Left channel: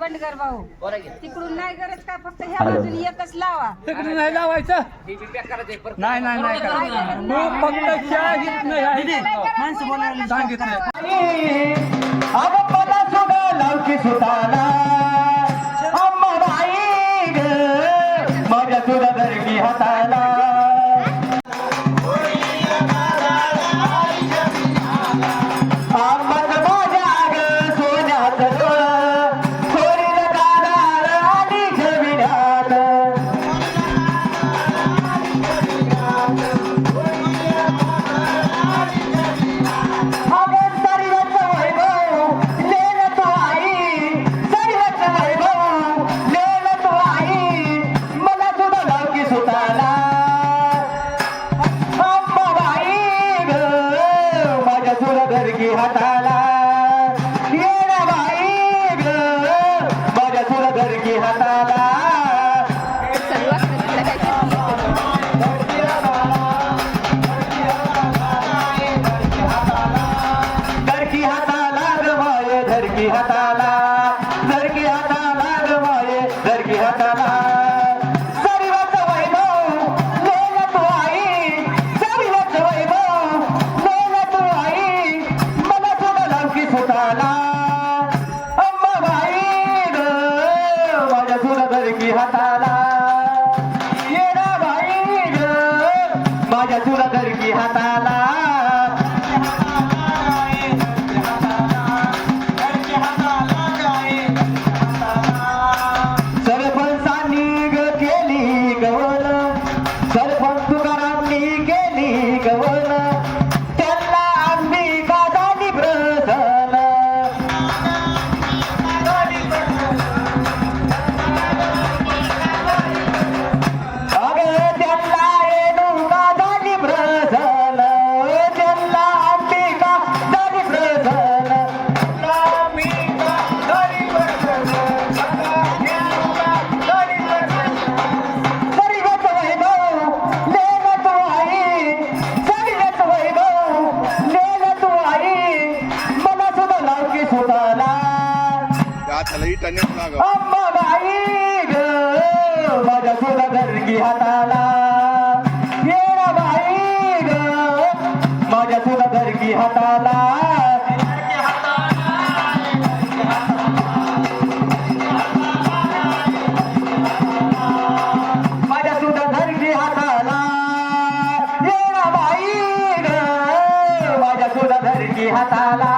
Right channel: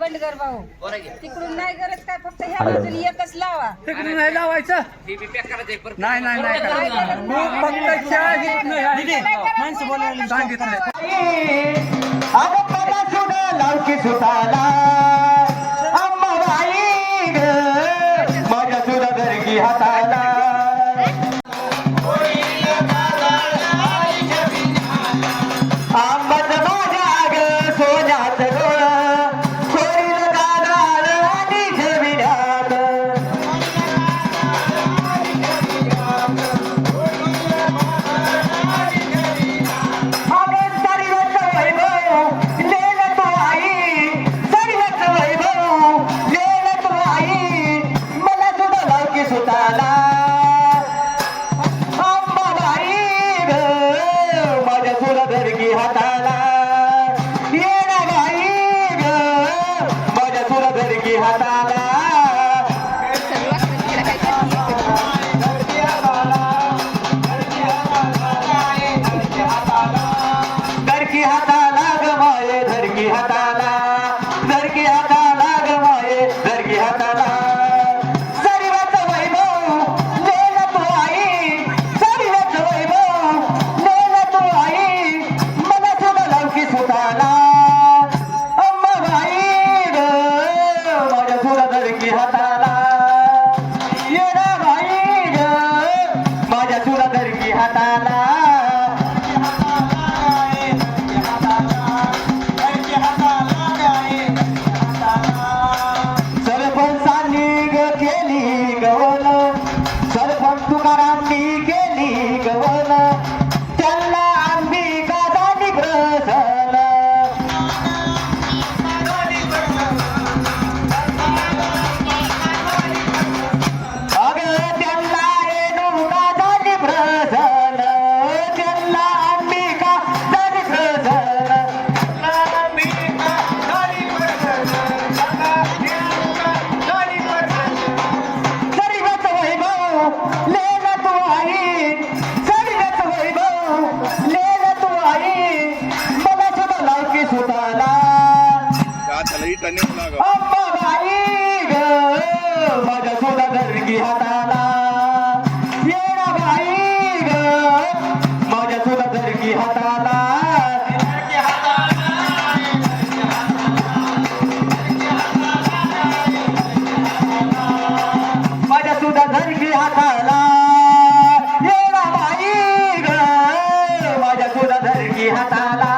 बंडगर भाऊ तिकडून नाही गरज काय फक्त ह्या बाजूला एकच लावा तिकडून नाही लावायचं नाही नाही माणसं बोलायला सांगितलं लावकी सुताला अम्माबाई ग माझ्या सुद्धा दरगी हाताला आंबट माझ्या ग सोन्यात सोरील कानाल आणि ठेविण्यात हाताला येणा बाई ग माझ्या तुला धरकी हाताला धरकी हाताला ग माये धरकी हाताला धरकी हाताला ग माये धरकी हाताला सरीवच वैभव धडकी हाताला येणं बाई ग माझ्या सुद्धा धडकी हाताला माझ्या सुद्धा धडकी हाताला येणं बाई ग माझ्या सुद्धा धडकी हाताला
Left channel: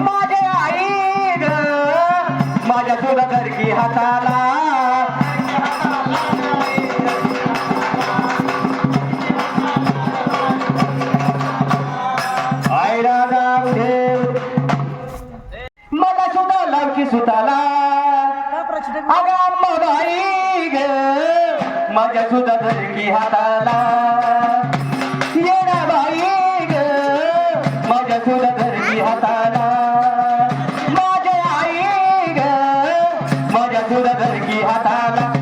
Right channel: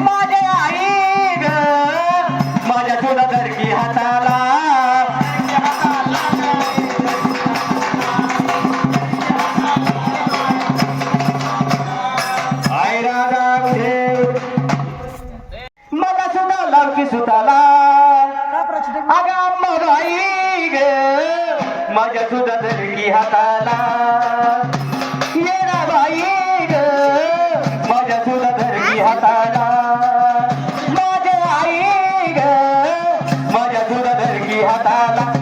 माझे आई ग माझ्या सुद्धा धडकी हाताला मला सुद्धा लावकी सुताला अगं अम्मा बाई ग माझ्या सुद्धा धडकी हाताला येणा बाई ग माझ्या सुद्धा धडकी हाताला माझे आई ग माझ्या सुद्धा धडकी हाताला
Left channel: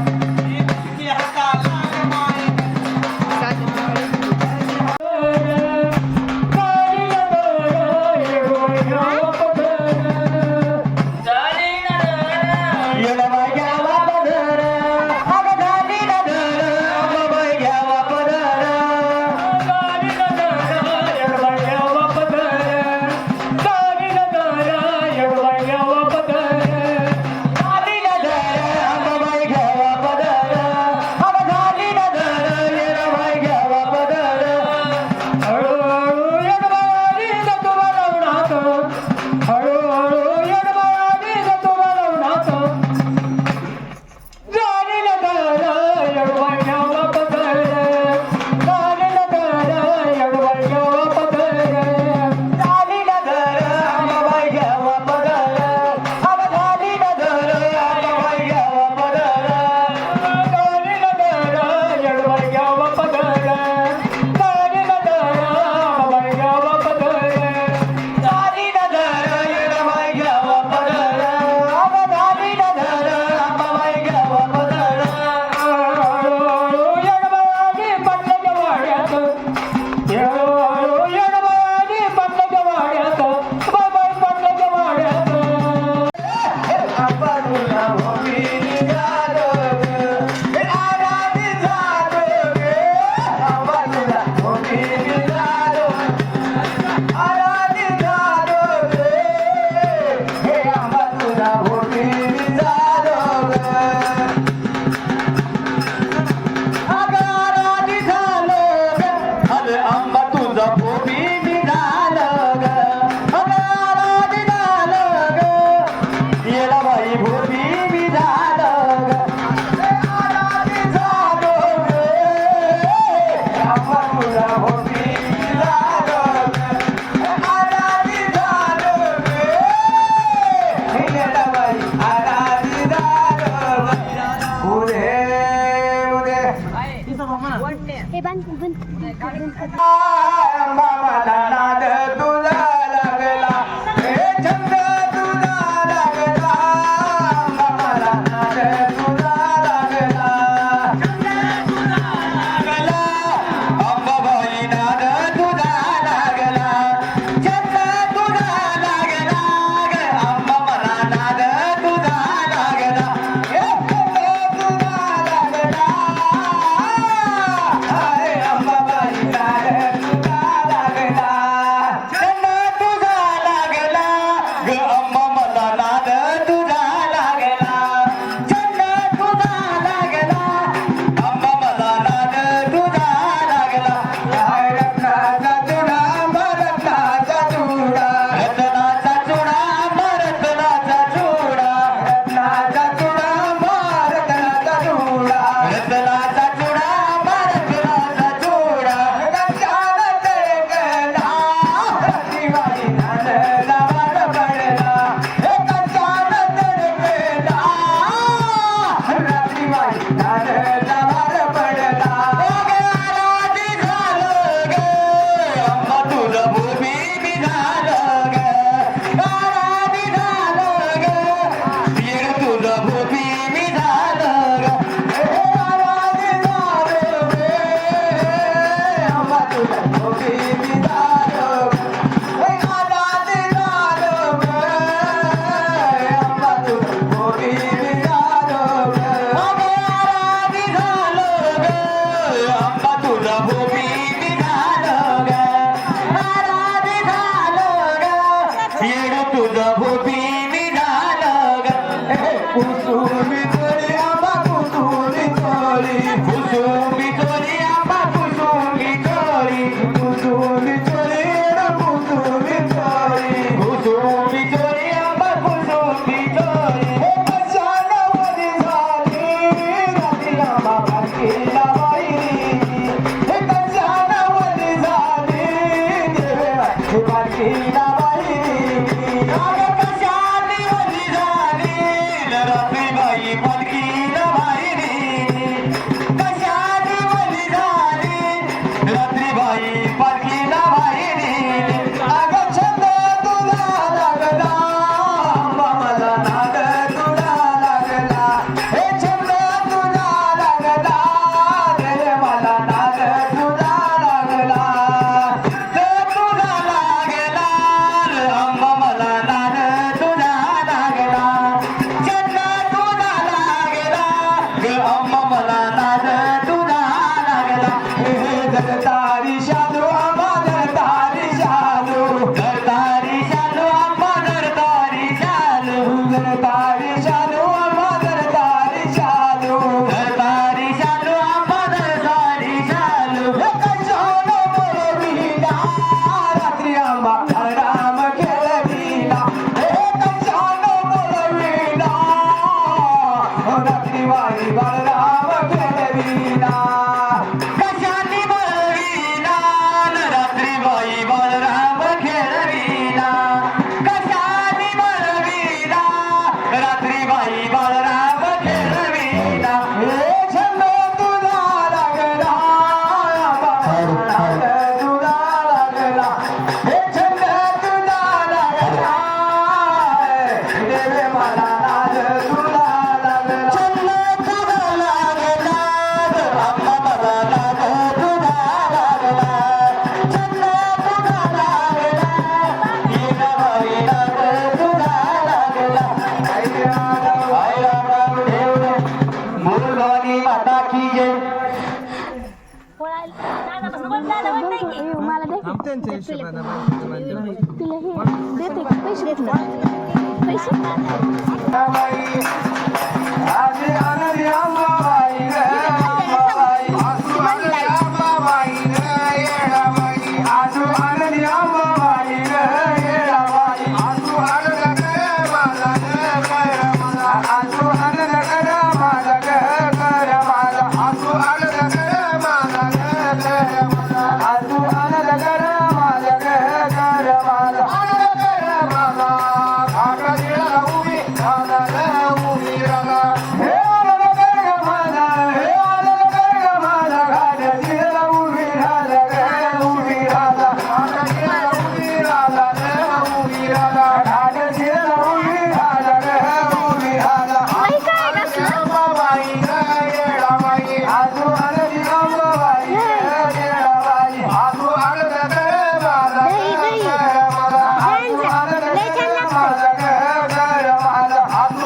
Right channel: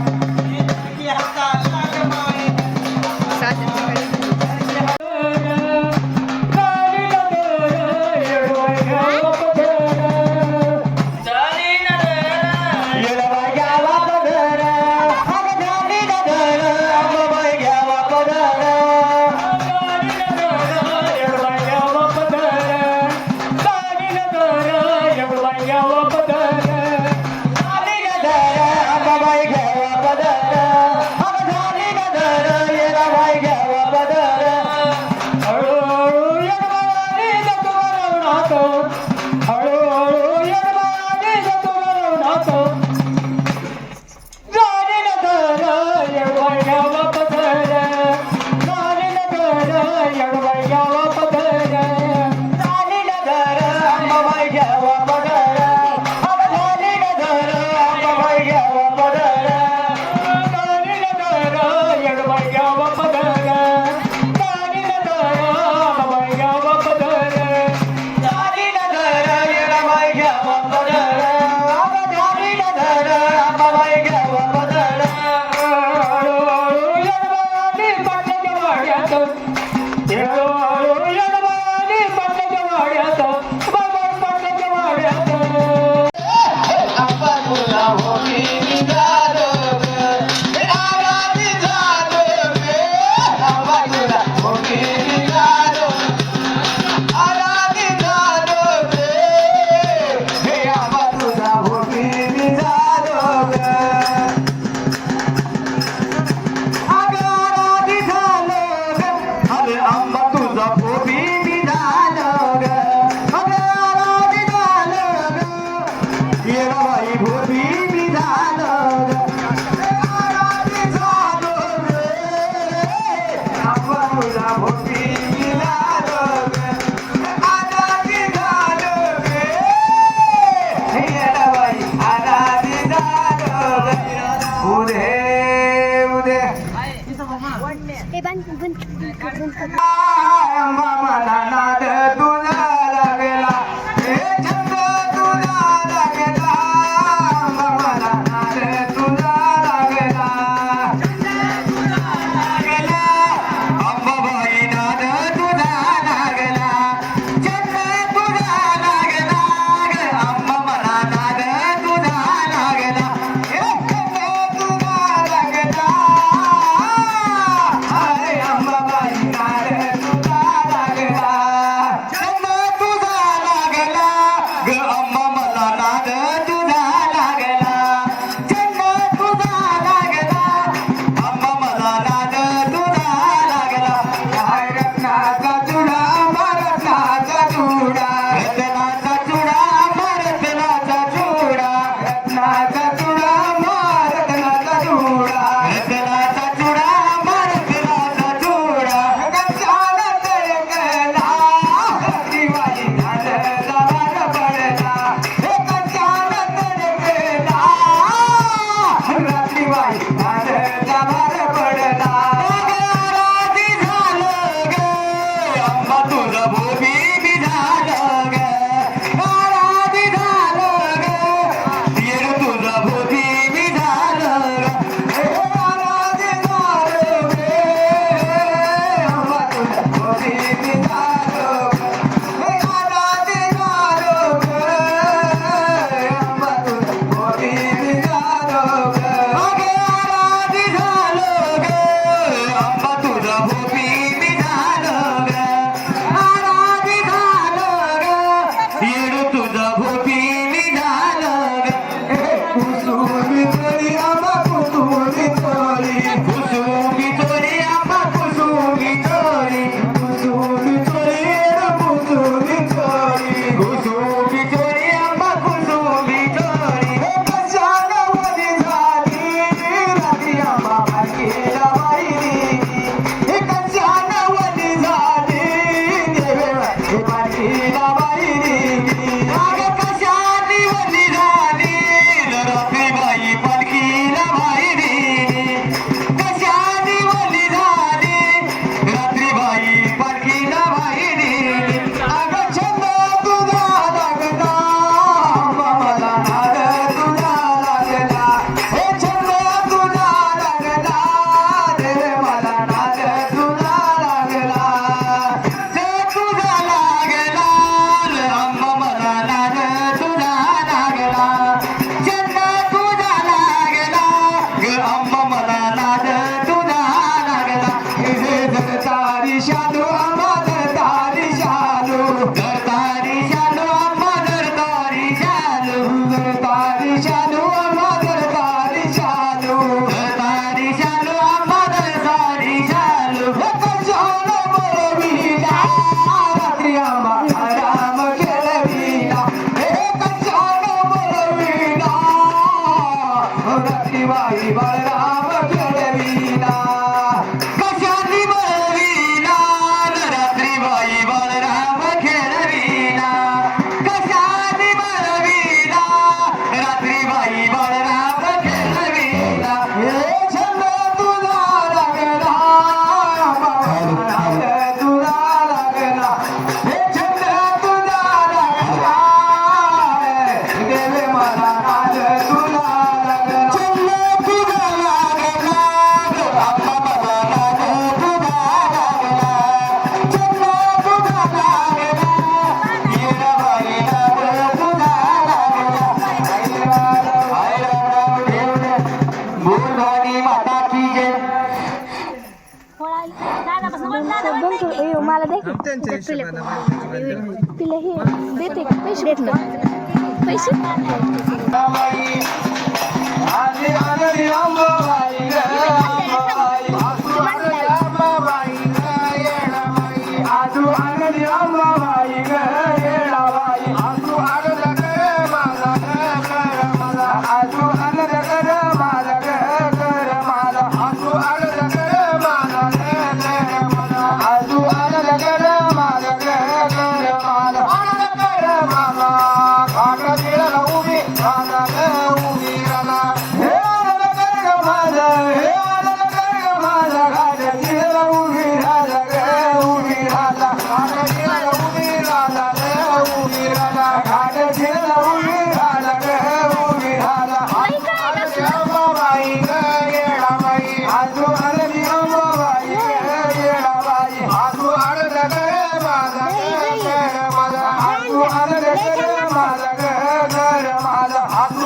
मामा नानाद तुला लागला हे छंद तुला लागला मामा नानाद तुला लागला अंबाबाई नाद तुला लागला छंद तुला लागला अंबा नानाद तुला लागला हे छंद तुला लागला अंबाबाई नाद तुला लागला शालू आंबा दरतारी शालू दरतारी शालू आंबा दरतारी शालू दरतारी शालू आंबा दरतारी शालू दरतारी शालू आंबा दरतारी शालू कशाला बोलविला रात्री आंबा राम खेळविला हे कशाला बोलविला रात्री बाई बलराम खेळविला कशाने बोलविला रात्री बाई बलराम खेळविला कशाने बोलविला रात्री बाई बलराम खेळविला हे छंद तुला लागला तुला लागला हे छंद तुला लागला गेले मला नाद तुला लागला छंद तुला लागला आता मला नाद तुला लागला छंद तुला लागला गेला बाई नाद तुला लागला बोल भवानी माता की जय मला दे तिला हे देते का पैसे पैसे आजी आनंदी अंबाबाई आजू आनंदी अंबाबाई येडाबाई आजू आनंद आजू आनंद माझा कर माझा आजू आनंद माझा आजू आनंद माझा कर माझा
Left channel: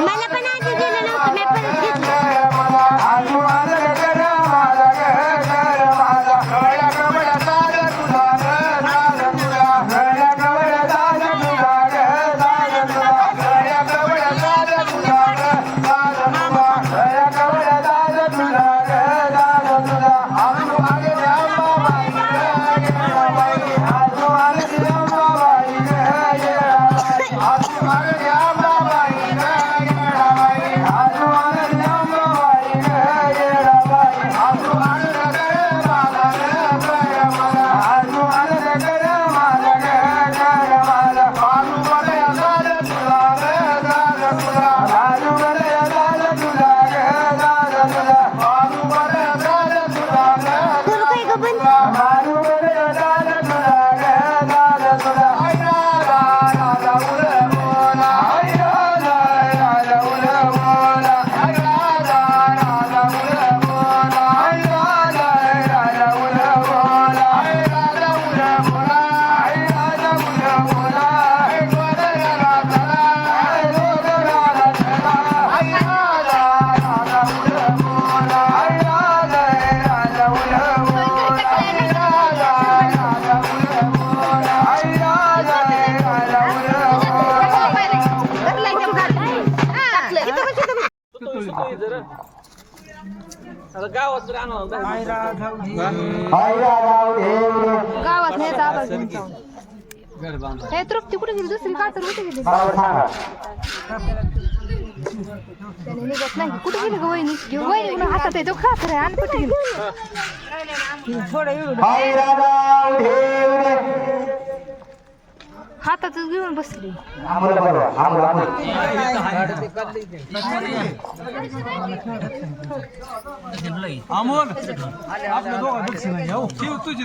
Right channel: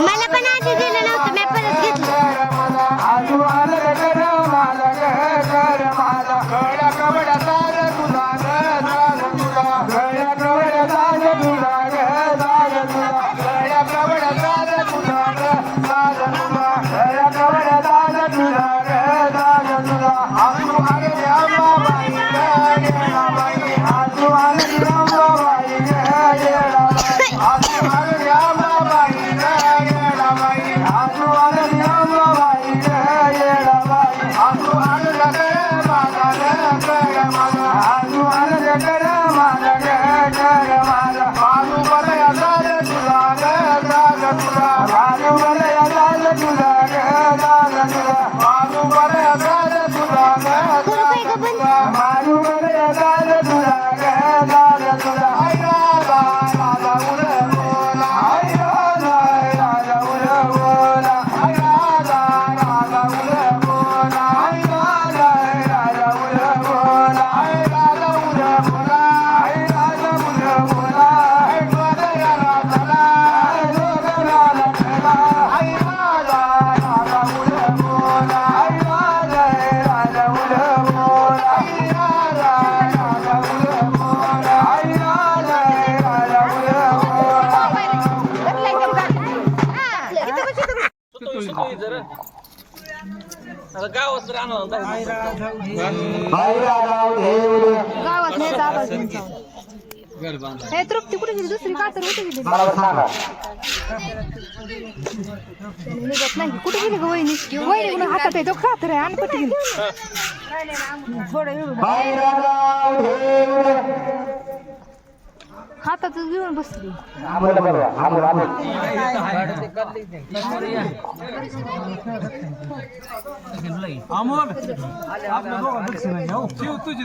मला पण आधी दिलं नव्हतं मी परत घेतलं करू काय ग बंद गावात नाही दादा घेऊन जाऊन हे तृप्ती कुठे गेली दुसरी का तर कुठे गेली त्याने निघत नाही कुठे गेली ग वहिनी वहिनी हातात आहे तो खात रे आणि कुठे गेली थोडं एवढं हातातच घेऊन बसली अमोल आपलं दोघं बक्षीस नाही हो शिव तुझी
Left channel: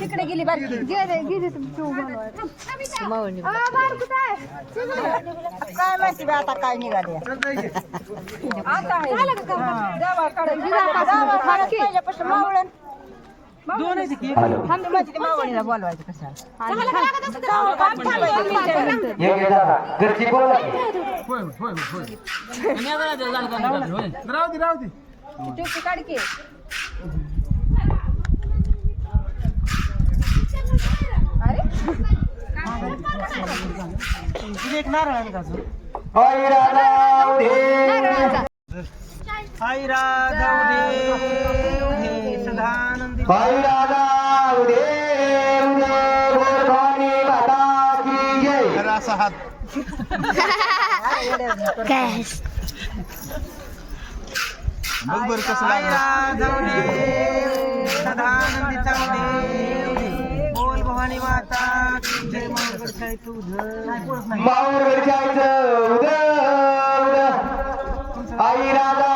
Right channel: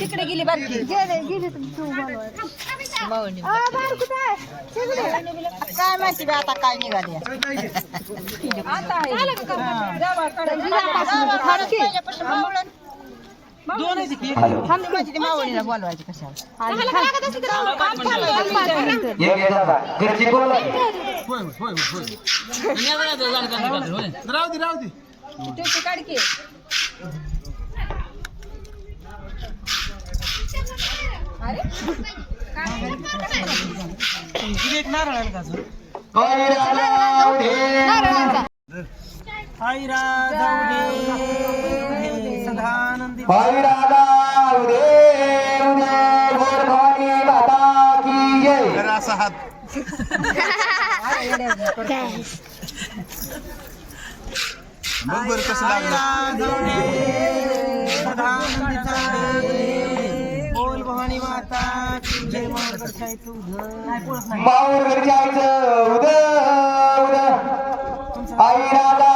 तिकडे गेली बारकी गेले काय माहिती बा आता काय निघाले आता आहे दोन आहे की मावळीला बोलवायचं कशाला ये घे दादा घरची बोल होय होय होय राहू दे राहू दे त्याची काढकी अरे तुझे एक नारळ आहे का अजून आई राजा उधे नारळाचा. आई राजा उदे सदानंदी आई राजा उधे उधे गोड भवानी माता की जय असा हात बघ बरं कसं लागलं सदानंदी बोल भवानी माता की जय मंगळ जायचं उधर माऊर घरी जायचं उद उद आई राजा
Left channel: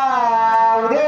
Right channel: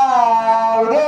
उदे